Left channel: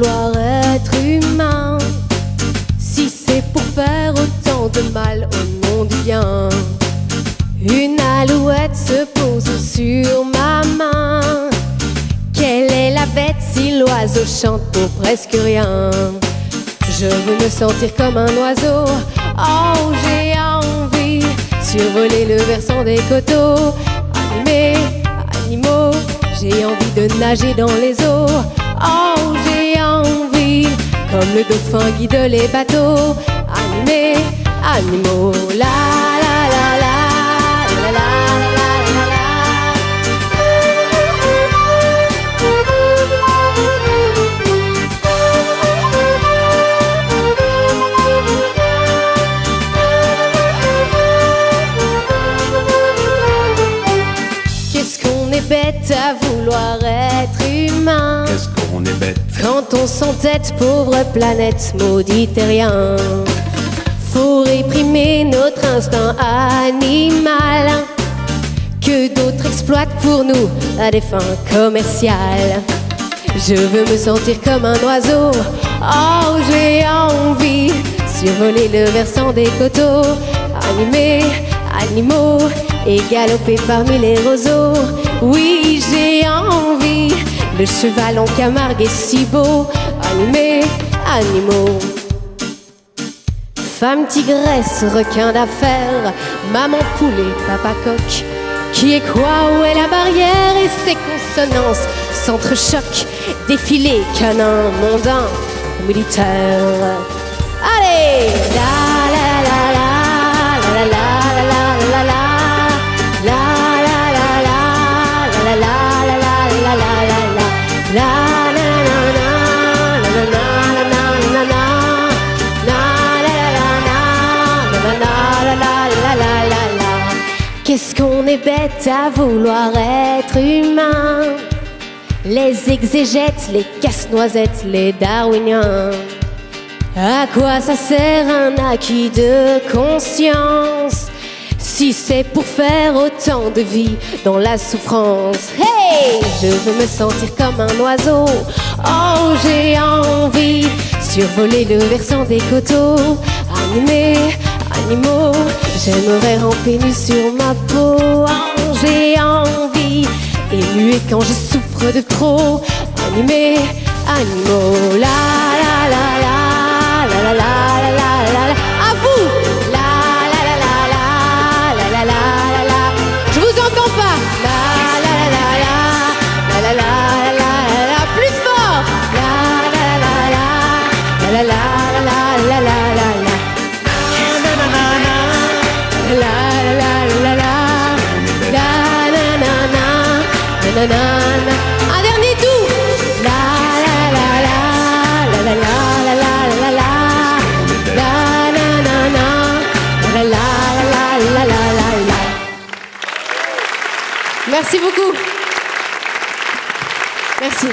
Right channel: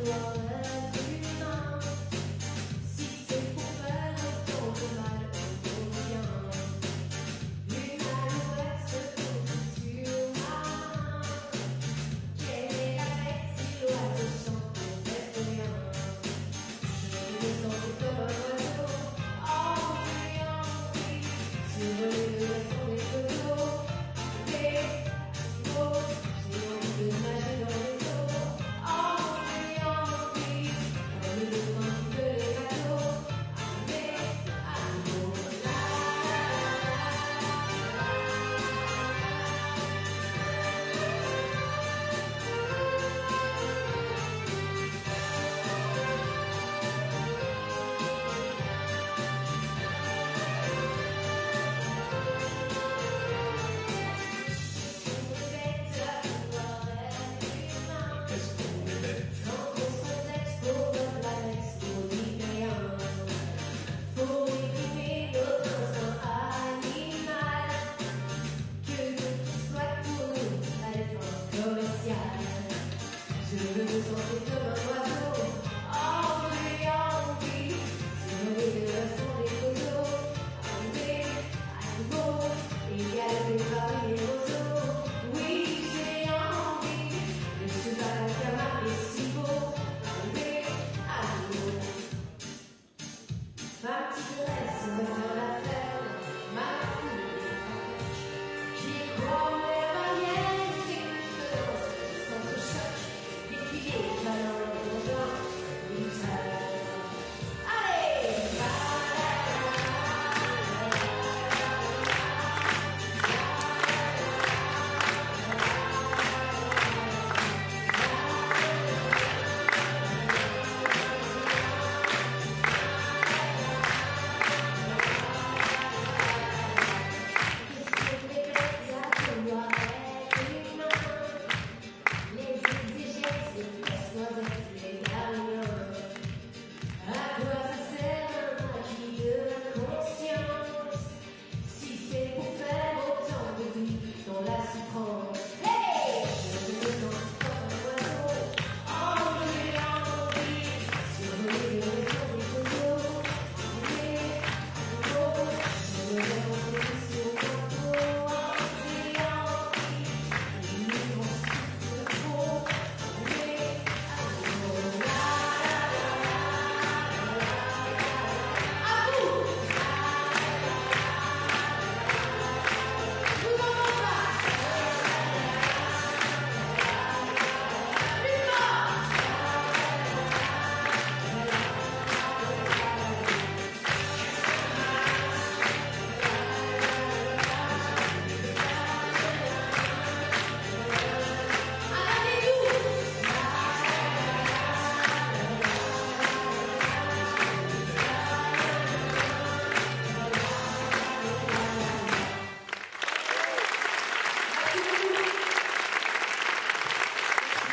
vouloir être humain, si c'est pour faire autant de mal au monde du bien? Une alouette se pose sur ma main. Quelle est la bête si l'oiseau chante pour presque rien? Je veux me sentir comme un oiseau. Oh, j'ai envie survoler le versant des coteaux. Animés, animaux, j'ai envie de nager dans les eaux. Oh, j'ai envie, comme le dauphin guide les bateaux. Animés, animaux, la la la la la la la la la. Qu'est-ce qu'on est bête à vouloir être humain? Qu'est-ce qu'on est bête? Quand on s'entête, pauvre planète, maudit terrien. Faut réprimer notre instinct animal que d'autres exploitent pour nous à des fins commerciales. Je veux me sentir comme un oiseau. Oh, j'ai envie survoler le versant des coteaux. Animés, animaux, et galoper parmi les roseaux. Oui, j'ai envie, le cheval en Camargue est si beau. Animés, animaux. Femme tigresse, requin d'affaires, maman poulet, papa coq. Qui est quoi, où est la barrière? Et ses consonances s'entrechoquent. Défilé, canin, mondain, militaire. Allez! La la la la la la la la la la la la la la la la la la la la. Qu'est-ce qu'on est bête à vouloir être humain? Les exégètes, les casse-noisettes, les darwiniens. À quoi ça sert un acquis de conscience si c'est pour faire autant de vie dans la souffrance? Hey! Je veux me sentir comme un oiseau. Oh, j'ai envie survoler le versant des coteaux. Animés, animaux, j'aimerais ramper nu sur ma peau. Oh, j'ai envie, émuer quand je souffre de trop. Animés, animaux, la la la la la la la la la la. À vous, la la la la la la la la la. Je vous entends pas. La la la la la la la la la. Plus fort. La la la la la la la la la la la. Un dernier tour. La la la la la la la la la la la la la la la la. Merci beaucoup. Merci.